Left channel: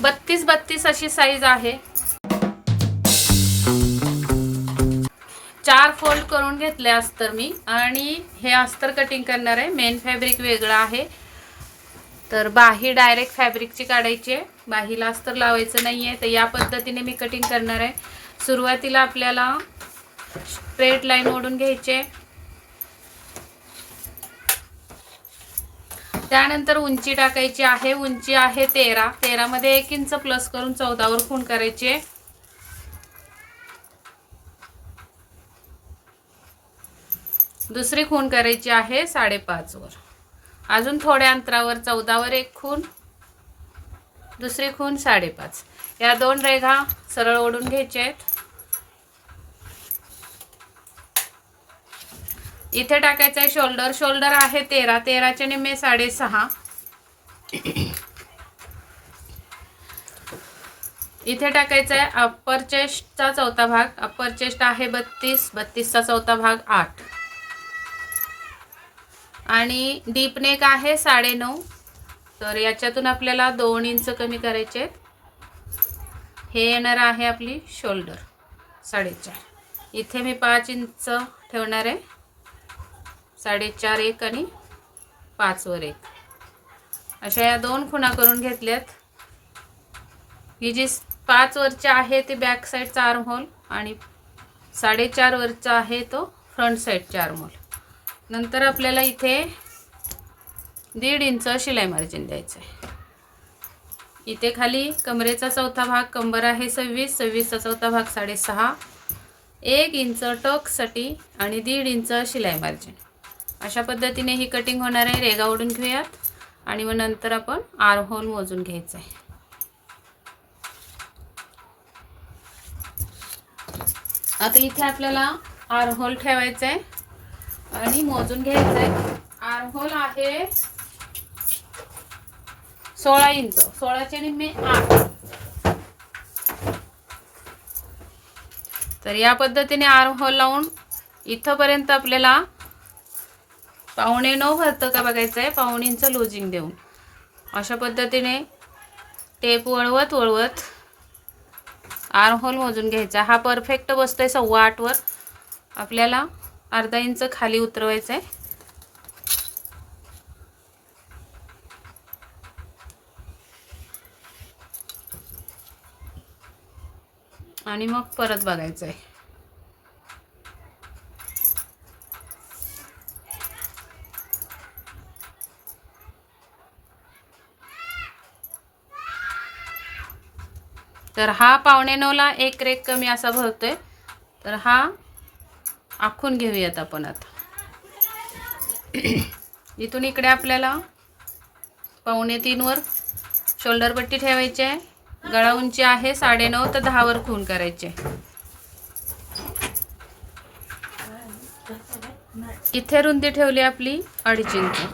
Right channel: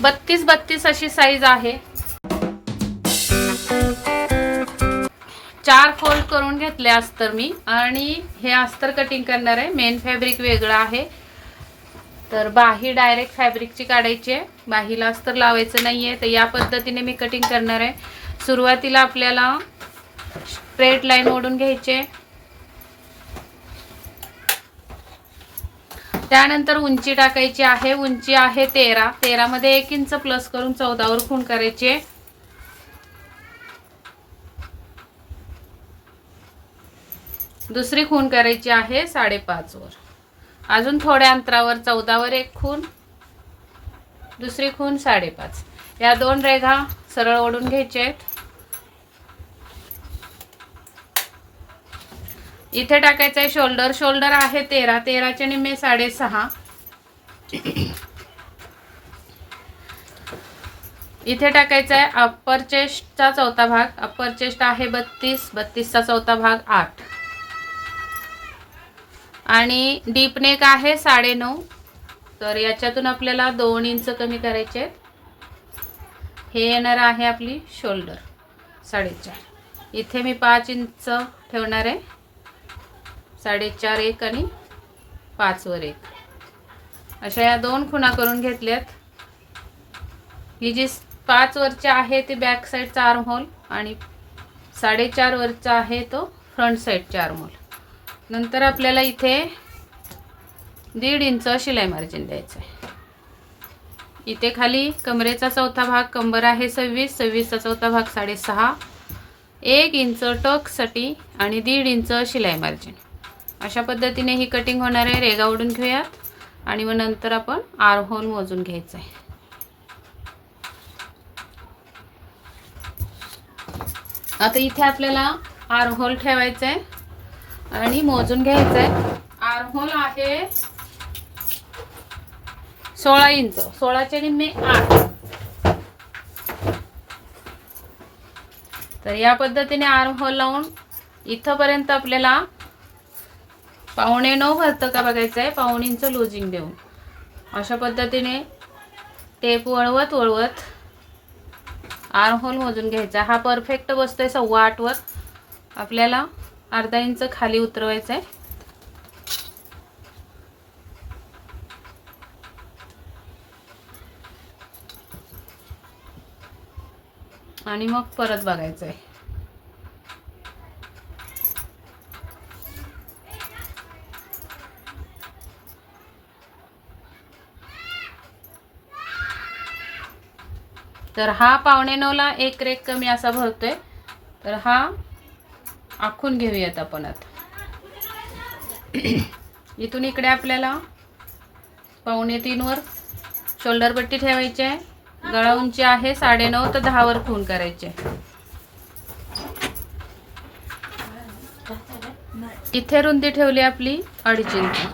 32-32 अशी साईज आहे। 4 फोल्ड करून घेतले अस्तर मी आणि हे अस्तर कटिंग करणार आहे। मेन फॅब्रिक वेगळं आहे, तर बाही डायरेक्ट फॅब्रिकची काढायची आहे, बाहीला अस्तर लावायचं नाही आहे। तर या पद्धतीने मी कटिंग करणार आहे। सुरुवातीला आपल्याला स्ट्रेट लाईन ओढून घ्यायचे, त्यानंतर उंची टाकायची आहे। उंची आहे 13, 13 मध्ये 1 इंच प्लस करून 14 वर खूण करायची। दुसरी खूण करायची आहे 5.5 वर, अजून थोड्या अंतरावर 14 वर 1 खूण, दुसरी खूण 5.5। या 2 रेघा सरळ ओढून घ्यायच्या आहेत। इथे टाकायचं आहे शोल्डर, शोल्डर आहे 13, 13 चे निम्मे 6.5। इथे टाकायचा आहे अप्पर चेस्टचा चौथा भाग, अप्पर चेस्ट आहे 32, 32 चा चौथा भाग 8 आणि डीप नेक आहे 9.5। तर याच्यातून आपल्याला 2 इंच कमी करायचे आहेत। हे येणार आहे आपली शोल्डर 4.5। इथे मी 5 इंच ठेवणार आहे, 4.5 1 आणि 5 वर 1 अशा या 2 खुणा करून घेतल्यात। ही जी 5 वरची आहे ती बॅक साईडचा आर्म होल आणि 4.5 वरचा आहे तो फ्रंट साईडचा आर्म होल। नंतर आपल्याला इथे 1.5 इंच शिलाई मार्जिन द्यायचं आहे। इथे खाली कमरेचा चौथा भाग, कंबर आहे 26, 26 चा चौथा भाग 6.5, 1 इंच टक्ससाठी आणि 1.5 इंच शिलाई मार्जिन। अशा पद्धतीने ही कटिंग होणार आहे। रेगा ओढून घेऊयात आणि मग नंतर आपण आर्म होल मोजून घ्यायचं आहे। आता इथे आपल्याला आर्म होल ठेवायचं आहे आणि मोजून घ्यायचं आहे। आर्म होल आहे 16 इंच, 16 चे निम्मे 8। तर या पद्धतीने आर्म होल लावून इथपर्यंत आपल्याला 8.25 भरतं का बघायचं आहे, 1.25 इंच लूजिंग देऊन। अशा पद्धतीने टेप वळवत वळवत आर्म होल मोजून घ्यायचा। हा परफेक्ट बसतोय 8.25 वर, आपल्याला अर्धा इंच खाली उतरवायचं आहे। आणि मग परत बघायचं आहे। तर हा 8.25 ला 1 रेघ कमी असा भरतोय, तर हा आखून घेऊयात आपण आता। इथून इकडे आपल्याला 2.25 वर शोल्डर पट्टी ठेवायची आहे। गळा उंची आहे 9.5, तर 10 वर खूण करायचे। इथे रुंदी ठेवली आपली 2.5 इंच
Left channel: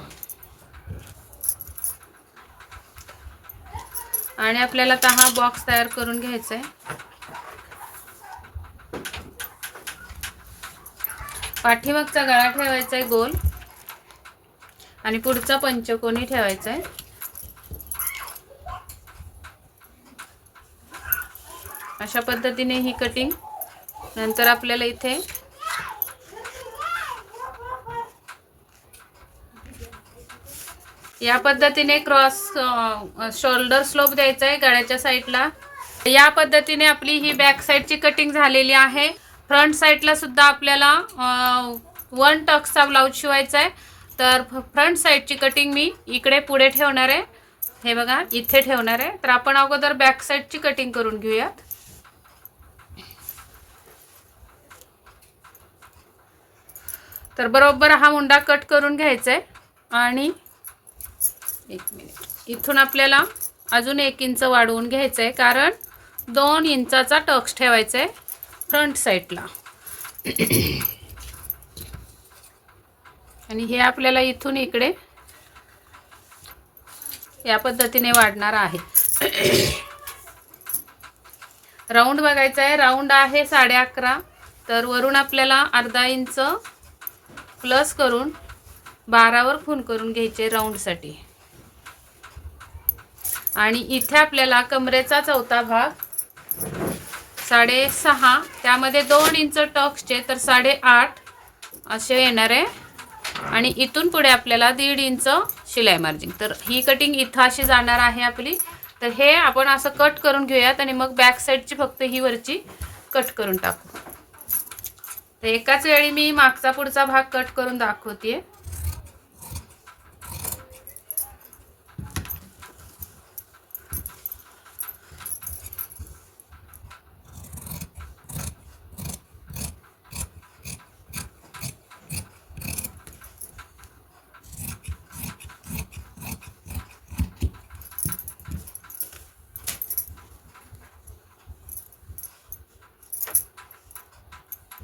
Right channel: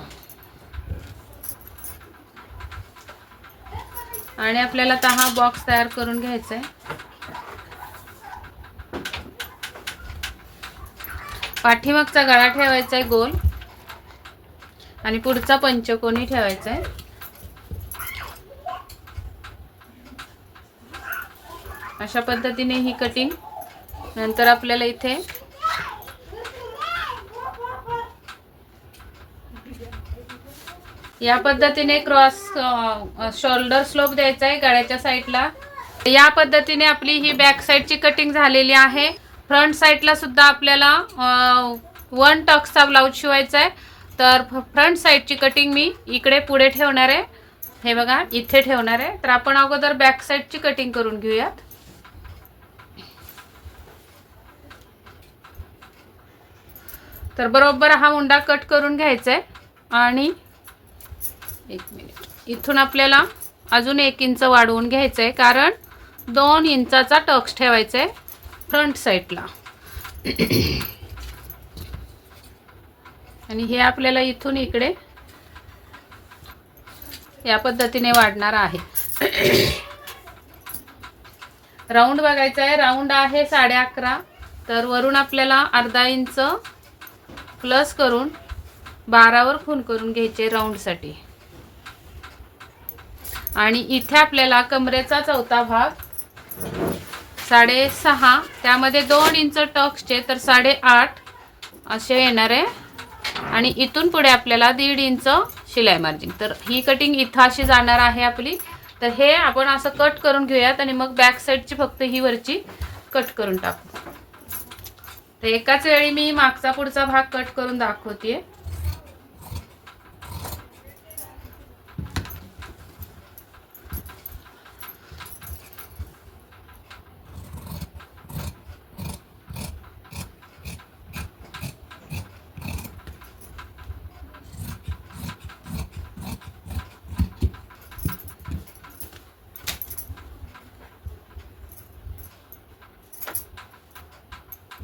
आणि आपल्याला आता हा बॉक्स तयार करून घ्यायचा आहे। पाठीमागचा गळा ठेवायचा आहे गोल आणि पुढचा पंचकोनी ठेवायचा आहे। अशा पद्धतीने ही कटिंग। नंतर आपल्याला इथे या पद्धतीने क्रॉस शोल्डर स्लोप द्यायचा आहे गळ्याच्या साईडला। या पद्धतीने आपली ही बॅक साईडची कटिंग झालेली आहे। फ्रंट साईडला सुद्धा आपल्याला 1 टक्सचा ब्लाउज शिवायचा आहे। तर फ्रंट साईडची कटिंग मी इकडे पुढे ठेवणार आहे, हे बघा इथे ठेवणार आहे। तर आपण अगोदर बॅक साईडची कटिंग करून घेऊयात। तर बरोबर हा मुंडा कट करून घ्यायचा आहे आणि 1 मिनिट, इथून आपल्याला अजून 1 इंच वाढवून घ्यायचं आहे, कारण 2 इंचाचा टक्स ठेवायचा आहे फ्रंट साईडला। आणि हे आपल्याला इथून इकडे या पद्धतीने वाढणार आहे। राऊंड बघायचा आहे, राऊंड आहे 11.5, तर वरून आपल्याला अर्धा इंच प्लस करून 12 वर खूण करून घ्यायचे राऊंड साठी। आणि इथे आपल्याला कमरेचा चौथा भाग 6.5, त्यामध्ये 2 इंच टक्सचे तर 8.5 असे येणार आहे. आणि इथून पुढे आपल्याला 1.5 इंच शिलाई मार्जिन. तर ही कटिंग इथं अशी जाणार आहे आपली. तर हे आपण असं कट करून घेऊयात आणि मग बॅक साईडची फक्त ही वरची कट करून टाकू. तर एकाच वेळी मी मागचा पुढचा भाग कट करून दाखवते.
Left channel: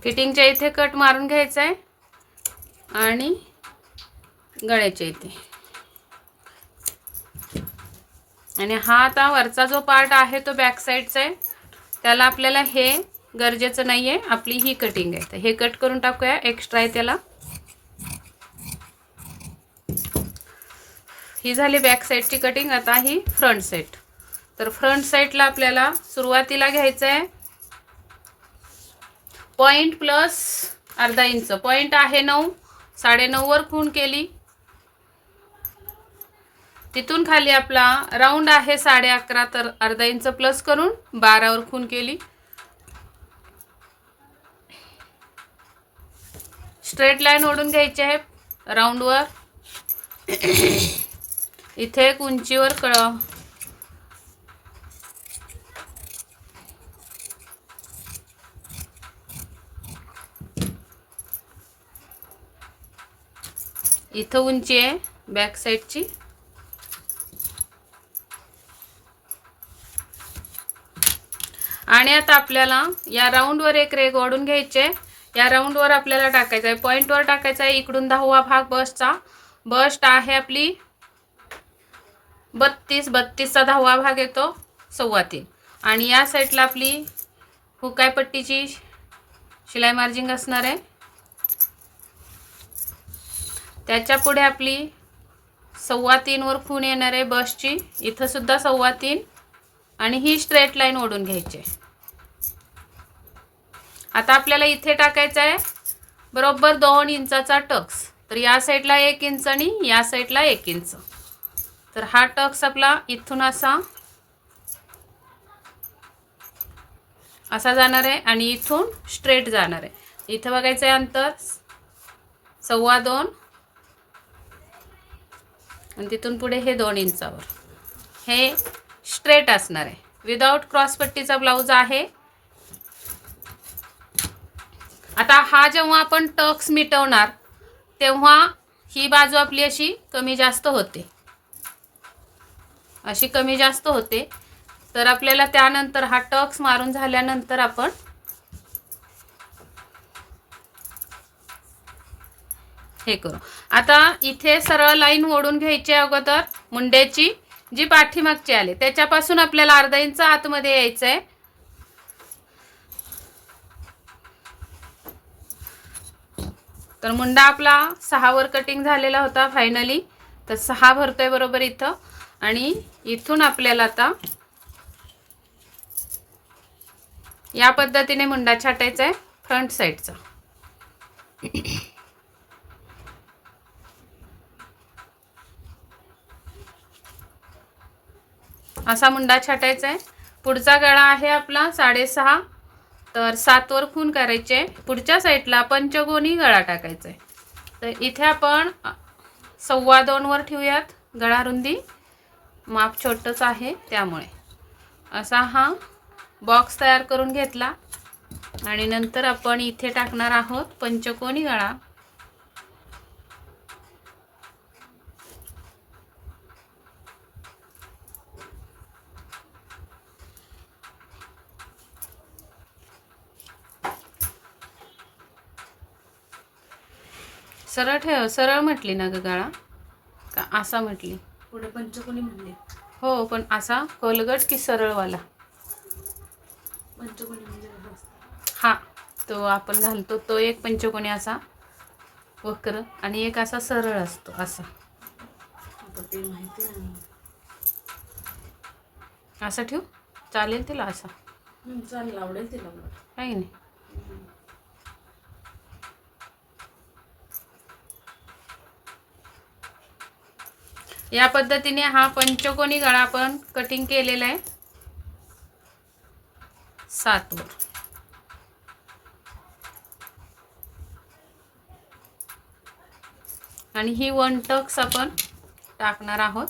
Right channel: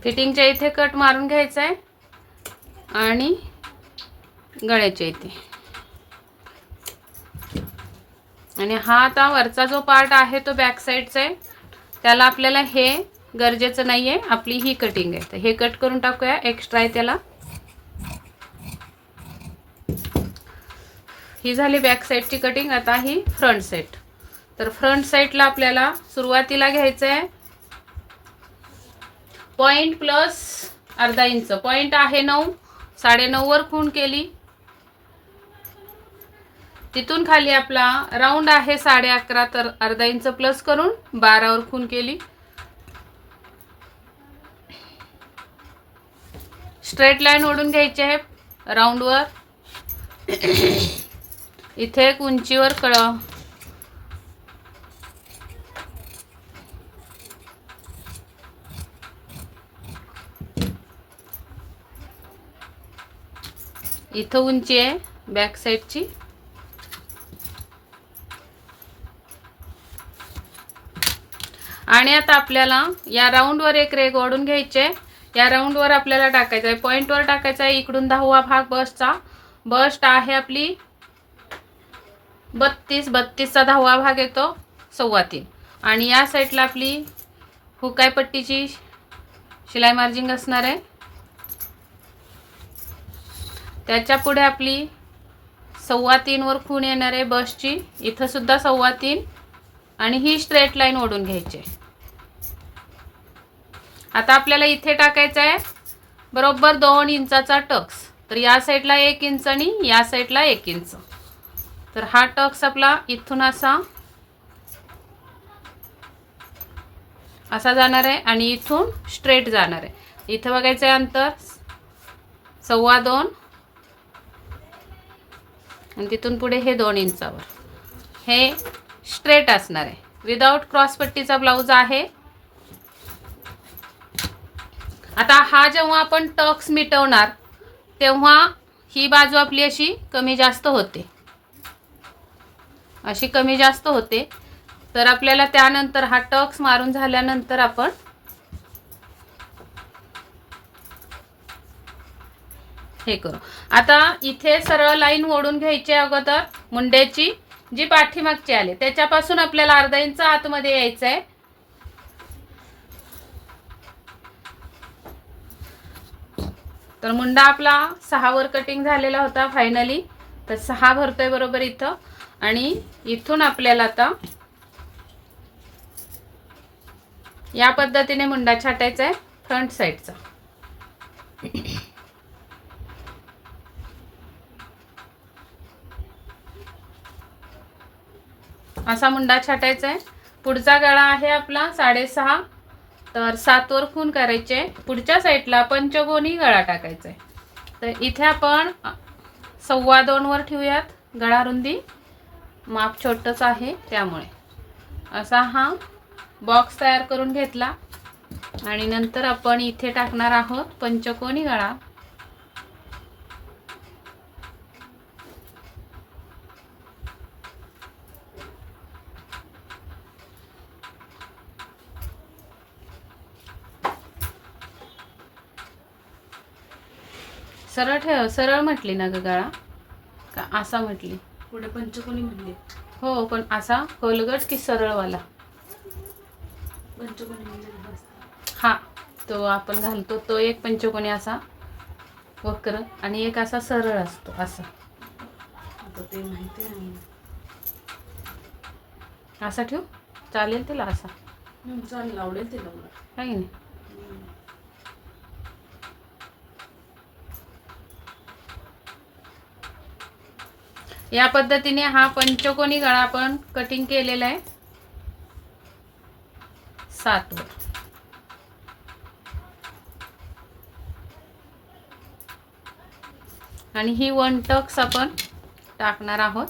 फिटिंगच्या इथे कट मारून घ्यायचा आहे आणि गळ्याच्या इथे. आणि हा आता वरचा जो पार्ट आहे तो बॅक साईडचा आहे, त्याला आपल्याला हे गरजेचं नाही आहे, आपली ही कटिंग आहे. तर हे कट करून टाकूया, एक्स्ट्रा आहे त्याला. ही झाली बॅक साईडची कटिंग. आता ही फ्रंट साईड. तर फ्रंट साईडला आपल्याला सुरुवातीला घ्यायचं आहे पॉइंट प्लस अर्धा इंच. पॉइंट आहे 9, 9.5 वर खूण केली. तिथून खाली आपला राऊंड आहे 11.5, तर अर्धा इंच प्लस करून 12 वर खूण केली. स्ट्रेट लाईन ओढून घ्यायची आहे राऊंडवर. इथे एक उंचीवर इथं उंची आहे बॅक साईडची. आणि आता आपल्याला या राऊंडवर एक रेघ ओढून घ्यायची आहे. या राऊंडवर आपल्याला टाकायचं आहे, पॉईंटवर टाकायचा आहे इकडून 10वा भाग बसचा. बस्ट आहे आपली 32, 32चा 10वा भाग येतो 3.25. आणि या साईडला आपली हुकाय पट्टीची शिलाई मार्जिंग असणार आहे. त्याच्या पुढे आपली 3.25 वर खूण येणार आहे बसची. इथं सुद्धा 3.25 आणि ही स्ट्रेट लाईन ओढून घ्यायची. आता आपल्याला इथे टाकायचं आहे बरोबर 2 इंचाचा टक्स. तर या साईडला 1 इंच आणि या साईडला 1 इंच. तर हा टक्स आपला इथून असा जाणार आहे आणि इथून स्ट्रेट जाणार आहे. इथं बघायचं आहे अंतर 2.25 आणि तिथून पुढे हे 2 इंचावर हे स्ट्रेट असणार आहे. विदाउट क्रॉस पट्टीचा ब्लाऊज आहे. आता हा जेव्हा आपण टक्स मिटवणार तेव्हा ही बाजू आपली अशी कमी जास्त होते, अशी कमी जास्त होते. तर आपल्याला त्यानंतर हा टक्स मारून झाल्यानंतर आपण हे करू. आता इथे सरळ लाईन ओढून घ्यायची अगोदर मुंड्याची, जी पाठीमागची आले त्याच्यापासून आपल्याला अर्धा इंच आतमध्ये यायचं आहे. तर मुंडा आपला 6 वर कटिंग झालेला होता फायनली. तर 6 भरतोय बरोबर इथं. आणि इथून आपल्याला आता या पद्धतीने मुंडा छाटायचा आहे फ्रंट साईडचा. असा मुंडा छाटायचा आहे. पुढचा गळा आहे आपला 6.5, तर 7 वर खूण करायचे. पुढच्या साईडला पंचकोनी गळा टाकायचा आहे. तर इथे आपण 2.25 वर ठेवूयात गळा रुंदी. माप छोटंच आहे त्यामुळे असा हा बॉक्स तयार करून घेतला. आणि नंतर आपण इथे टाकणार आहोत पंचकोनी गळा. सरळ ठेव, सरळ म्हटली ना ग गळा का असा म्हटली? पुढे पंचकोनी म्हणले. हो, पण असा कोलगट की सरळवाला? पंचकोनी म्हणजे हा, तो आपण घालतो तो एक पंचकोनी असा वक्र आणि एक असा सरळ असतो असा. ते माहिती आहे. असा ठेवू चालेल तिला? असा चालेल, आवडेल तिला मग. काही नाही. या पद्धतीने हा पंचकोनी गळा आपण कटिंग केलेला आहे 7 वर. आणि ही 1 टक्स आपण टाकणार आहोत.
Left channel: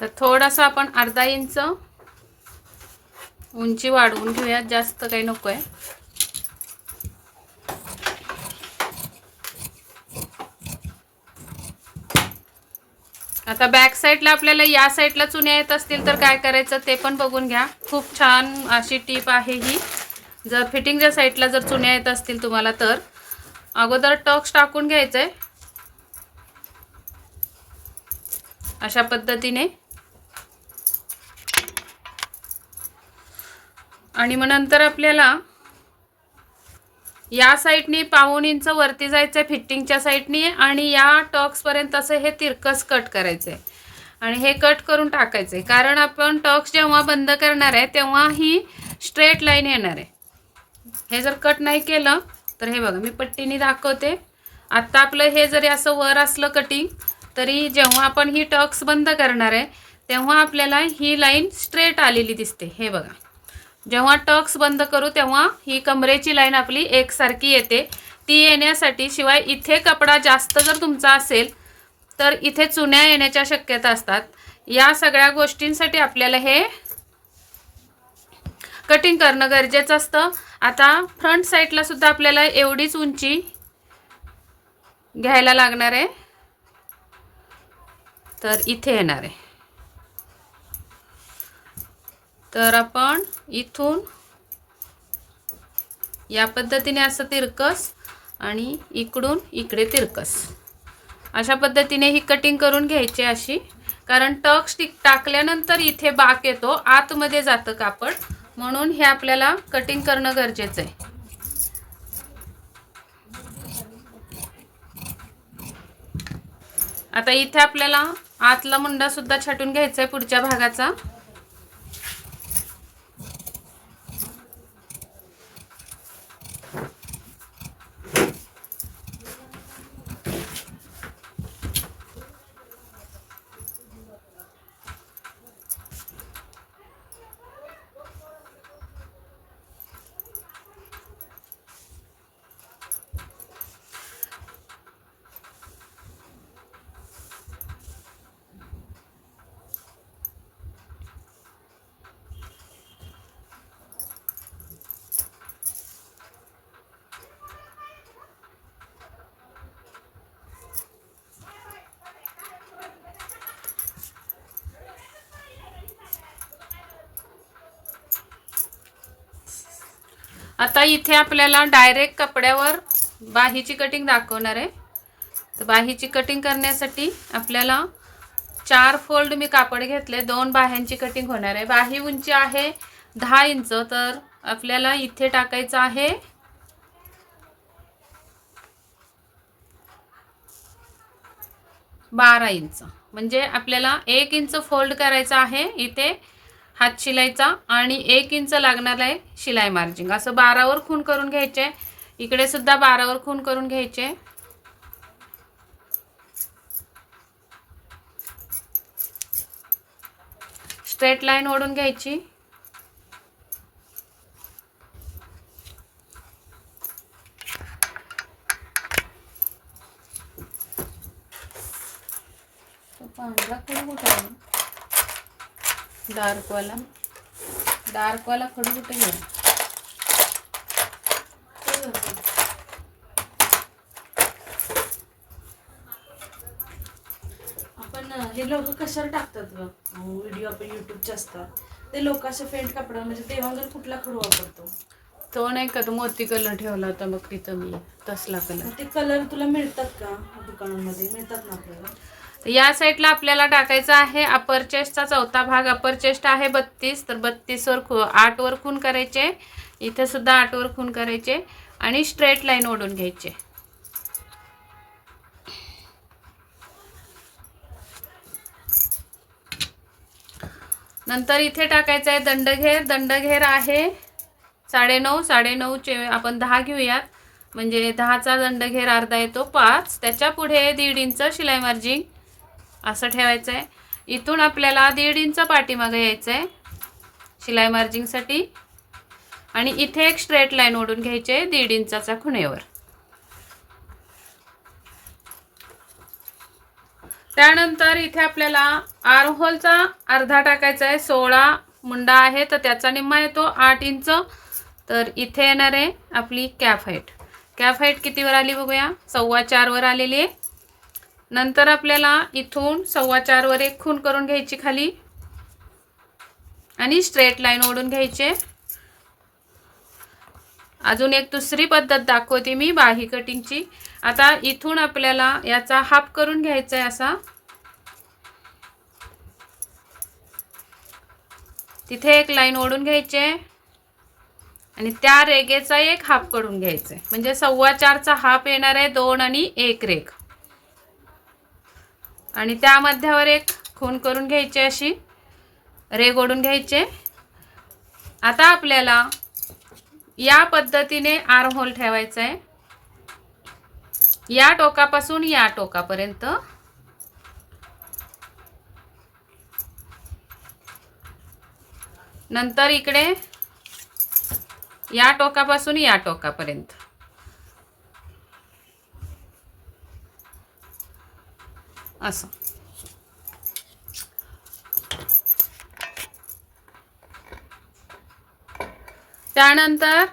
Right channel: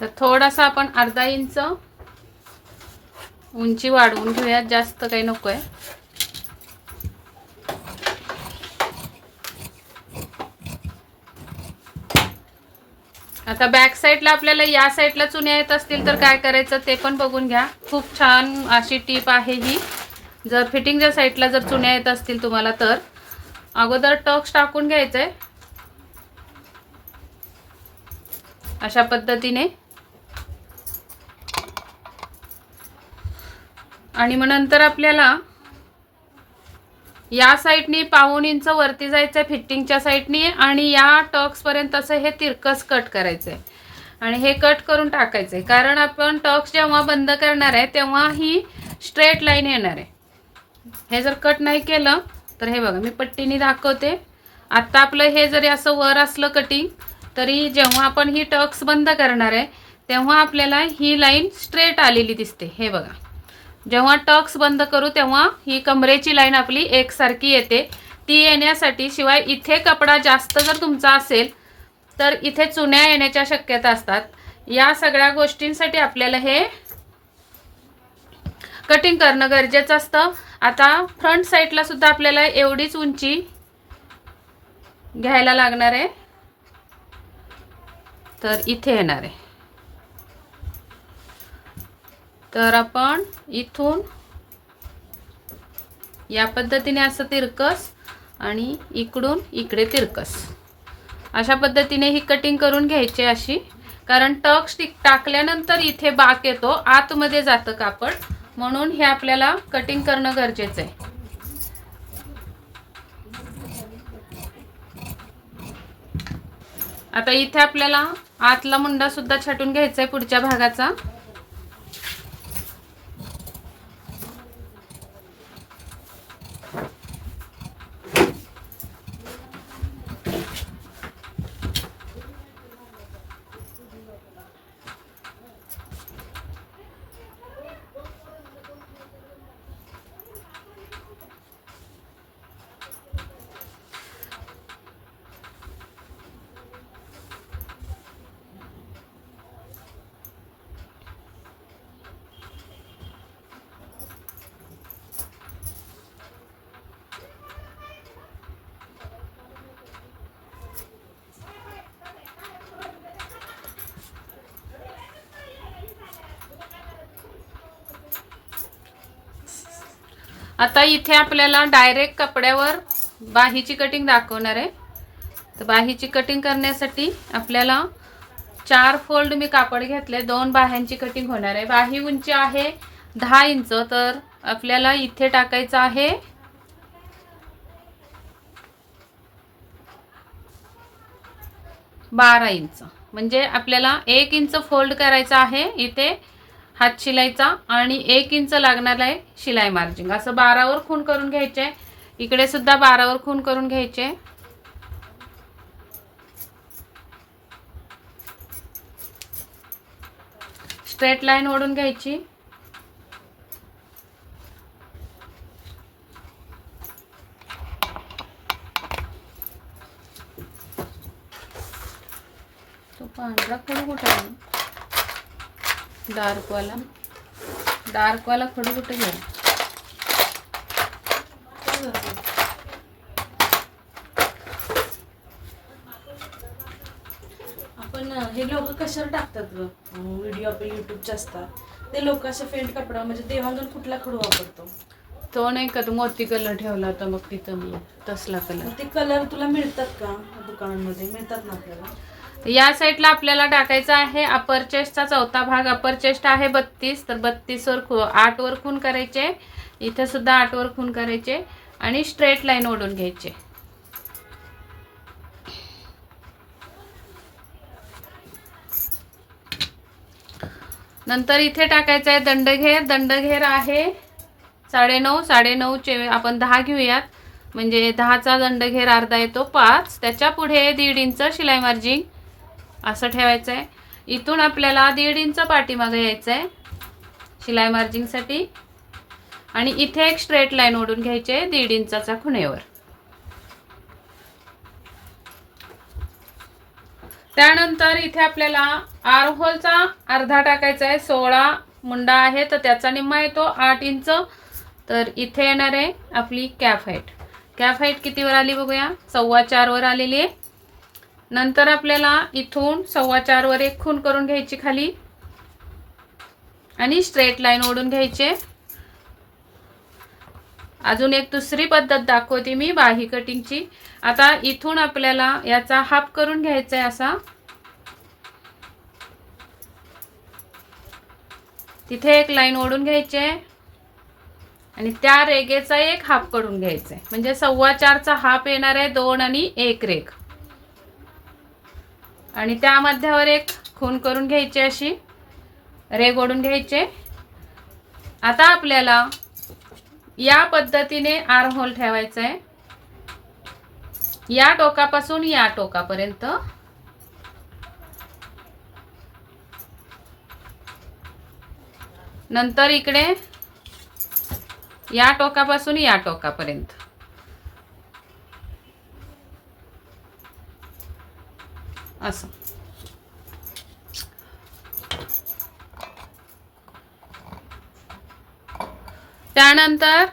तर थोडासा आपण अर्धा इंच उंची वाढवून घेऊयात, जास्त काही नको आहे. आता बॅक साईडला आपल्याला या साईडला चुन्या येत असतील तर काय करायचं ते पण बघून घ्या. खूप छान अशी टीप आहे ही. जर फिटिंगच्या साईडला जर चुन्या येत असतील तुम्हाला तर अगोदर टक्स टाकून घ्यायचंय अशा पद्धतीने. आणि मग नंतर आपल्याला या साईडनी 1.5 इंच वरती जायचं फिटिंगच्या साईडनी आणि या टक्स पर्यंत असं हे तिरकस कट करायचंय आणि हे कट करून टाकायचंय. कारण आपण टक्स जेव्हा बंद करणार आहे तेव्हा ही स्ट्रेट लाईन येणार आहे. हे जर कट नाही केलं तर हे बघा मी पट्टीने दाखवते. आता आपलं हे जरी असं वर असलं कटिंग तरी जेव्हा आपण ही टक्स बंद करणार आहे तेव्हा आपल्याला ही लाईन स्ट्रेट आलेली दिसते. हे बघा जेव्हा टक्स बंद करू तेव्हा ही कमरेची लाईन आपली एकसारखी येते. ती येण्यासाठी शिवाय इथे कपडा जास्त जर तुमचा असेल तर इथे चुन्या येण्याच्या शक्यता असतात. या सगळ्या गोष्टींसाठी आपल्याला हे कटिंग करणं गरजेचं असतं. आता फ्रंट साईडला सुद्धा आपल्याला एवढीच उंची घ्यायला लागणार आहे. तर इथे येणार आहे. तर आपण इथून या पद्धतीने असं तिरकस आणि इकडून इकडे तिरकस अशा पद्धतीने ही कटिंग करून घ्यायची अशी. कारण टक्स टाकल्यानंतर इथे बाक येतो, आतमध्ये जातं कापड, म्हणून हे आपल्याला कटिंग करणं गरजेचं आहे. आता इथे आपल्याला आतला मुंडा सुद्धा छाटून घ्यायचा आहे पुढच्या भागाचा. आता इथे आपल्याला डायरेक्ट कपड्यावर बाहीची कटिंग दाखवणार आहे. तर बाहीची कटिंग करण्यासाठी आपल्याला 4 फोल्ड मी कापड घेतले, 2 बाह्यांची कटिंग होणार आहे. बाही उंची आहे 10 इंच, तर आपल्याला इथे टाकायचं आहे 12 इंच. म्हणजे आपल्याला 1 इंच फोल्ड करायचा आहे इथे हात शिलाईचा आणि 1 इंच लागणार आहे शिलाई मार्जिंग. असं 12 वर खून करून घ्यायचे. इकडे सुद्धा 12 वर खून करून घ्यायचे. स्ट्रेट लाईन ओढून घ्यायची. तो पांढरा खडू कुठे आहे? डार्कवाला खडू कुठे गेला? आपण हे लोक कशावर टाकतात व्हिडिओ आपले युट्यूबचे असतात ते लोक असे फेंट कपडा म्हणजे देवांगण कुठला खडू वापरतो? तो नाही का तो मोती कलर ठेवला होता मग तिथं मी, तसला कलर. ते कलर तुला मिळतात का दुकानांमध्ये? मिळतात ना आपल्याला? या साईडला आपल्याला टाकायचा आहे अपर चेस्टचा चौथा भाग. अपर चेस्ट आहे 32, तर 32 वर 8 वर खून करायचे. इथे सुद्धा 8 वर खून करायचे आणि स्ट्रेट लाईन ओढून घ्यायचे. नंतर इथे टाकायचं आहे दंडघेर. दंडघेर आहे 9.5. 9.5चे आपण 10 घेऊयात, म्हणजे 10चा दंडघेर अर्धा येतो 5. त्याच्या पुढे 1.5 इंच शिलाई मार्जिन असं ठेवायचं आहे. इथून आपल्याला 1.5 इंच पाठीमागे यायचं आहे शिलाई मार्जिनसाठी आणि इथे एक स्ट्रेट लाईन ओढून घ्यायचे 1.5 इंचाचा खुणेवर. त्यानंतर इथे आपल्याला आरहोलचा अर्धा टाकायचा आहे. 16 मुंडा आहे तर त्याचा निम्मा येतो 8 इंच. तर इथे येणार आहे आपली कॅफ हाईट. कॅफ हाईट कितीवर आली बघूया, 4.25 वर आलेली आहे. नंतर आपल्याला इथून 4.25 वर एक खून करून घ्यायची खाली आणि स्ट्रेट लाईन ओढून घ्यायचे. अजून एक दुसरी पद्धत दाखवते मी बाही कटिंगची. आता इथून आपल्याला याचा हाफ करून घ्यायचा आहे असा. तिथे एक लाईन ओढून घ्यायचे आणि त्या रेगेचा एक हाफ करून घ्यायचा आहे, म्हणजे 4.25चा हाफ येणार आहे 2 आणि 1 रेग. आणि त्या मध्यावर एक खून करून घ्यायचे, अशी रेग ओढून घ्यायचे. आता आपल्याला या पद्धतीने आर्म होल ठेवायचा आहे, या टोकापासून या टोकापर्यंत. नंतर इकडे या टोकापासून या टोकापर्यंत. असं त्यानंतर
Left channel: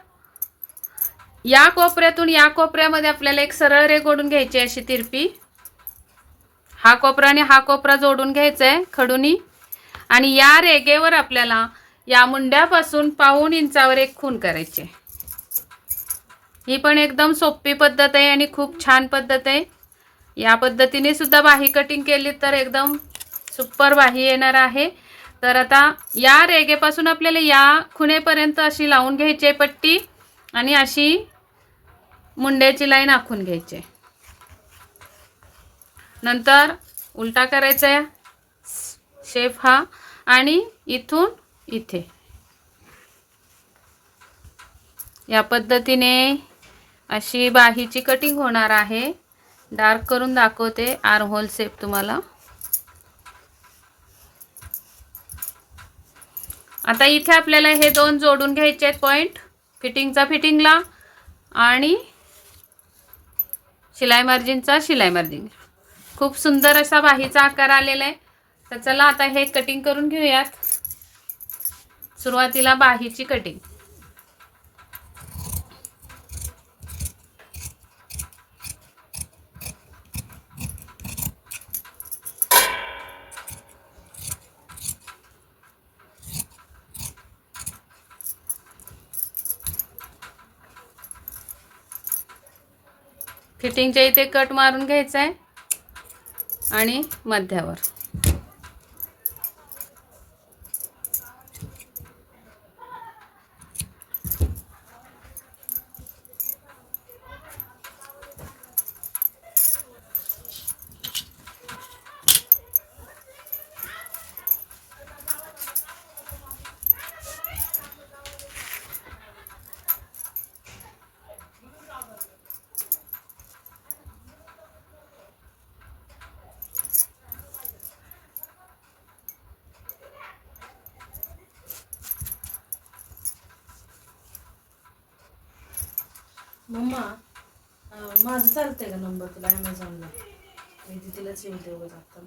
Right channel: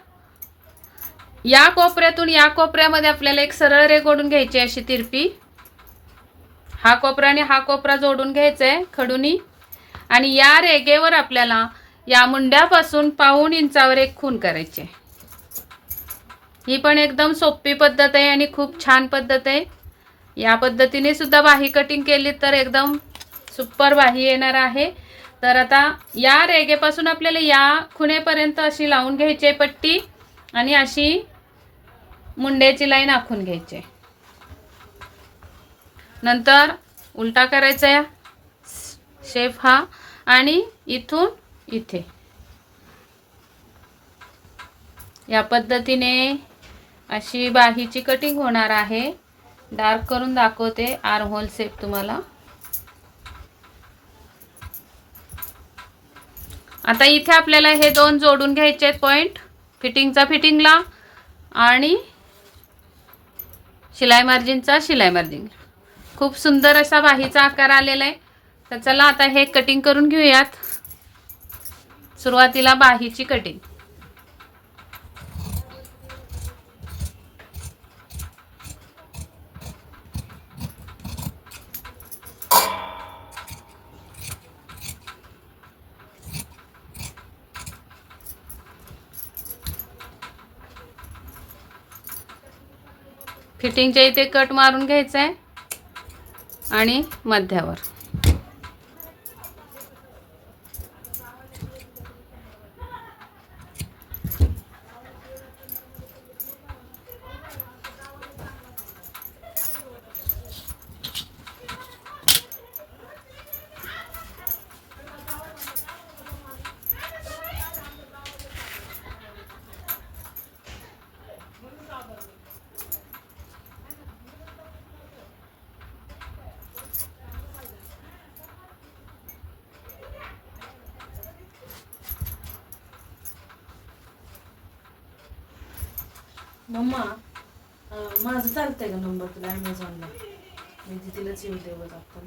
या कोपऱ्यातून या कोपऱ्यामध्ये आपल्याला एक सरळ रेघ ओढून घ्यायची अशी तिरपी. हा कोपरा आणि हा कोपरा जोडून घ्यायचंय खडूनी आणि या रेघेवर आपल्याला या मुंड्यापासून 1.5 इंचावर एक खून करायचे. ही पण एकदम सोपी पद्धत आहे आणि खूप छान पद्धत आहे. या पद्धतीने सुद्धा बाही कटिंग केली तर एकदम सुपर बाही येणार आहे. तर आता या रेघेपासून आपल्याला या खुणेपर्यंत अशी लावून घ्यायची पट्टी आणि अशी मुंड्याची लाईन आखून घ्यायची. नंतर उलटा करायचा आहे शेप हा आणि इथून इथे या पद्धतीने अशी बाहीची कटिंग होणार आहे. डार्क करून दाखवते आर्म होल शेप तुम्हाला. आता इथे आपल्याला हे दोन जोडून घ्यायचे आहेत पॉइंट, फिटिंगचा फिटिंगला आणि शिलाई मार्जिनचा शिलाई मार्जिन. खूप सुंदर असा बाहीचा आकार आलेला आहे. तर चला आता हे कटिंग करून घेऊयात. सुरुवातीला बाहीची कटिंग. फिटिंगच्या इथे कट मारून घ्यायचा आहे आणि मध्यावर. मम्मा माझं चालतंय का नंबर तुला ॲमेझॉनला? मी तिथेच येऊ दे बघ आता.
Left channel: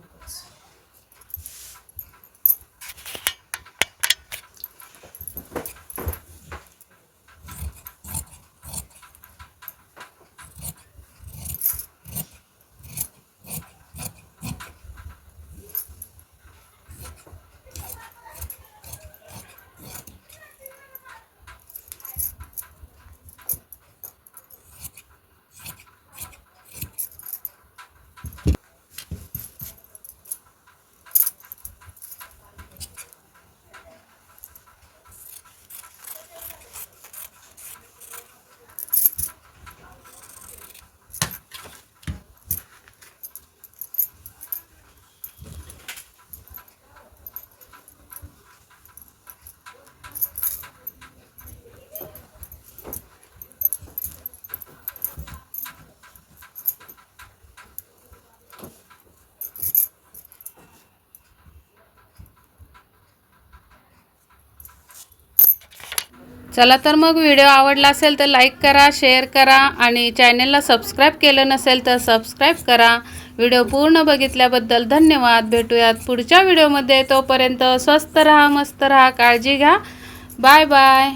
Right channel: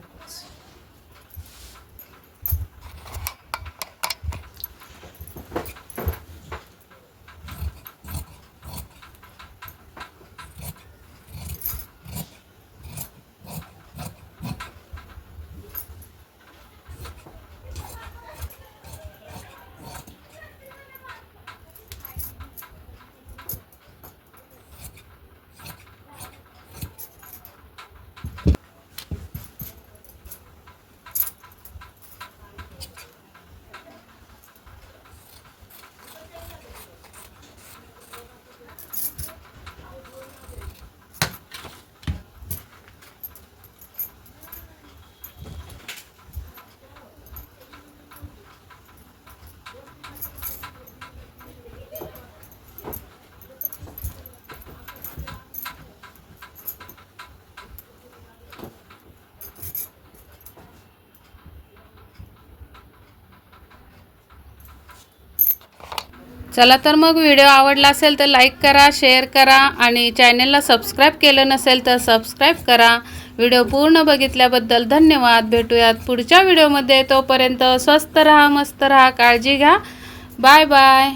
चला तर मग व्हिडिओ आवडला असेल तर लाईक करा, शेअर करा आणि चॅनलला सबस्क्राईब केलं नसेल तर सबस्क्राईब करा. व्हिडिओ पूर्ण बघितल्याबद्दल धन्यवाद. भेटूयात पुढच्या व्हिडिओमध्ये. तोपर्यंत स्वस्त राहा, मस्त राहा, काळजी घ्या. Bye bye.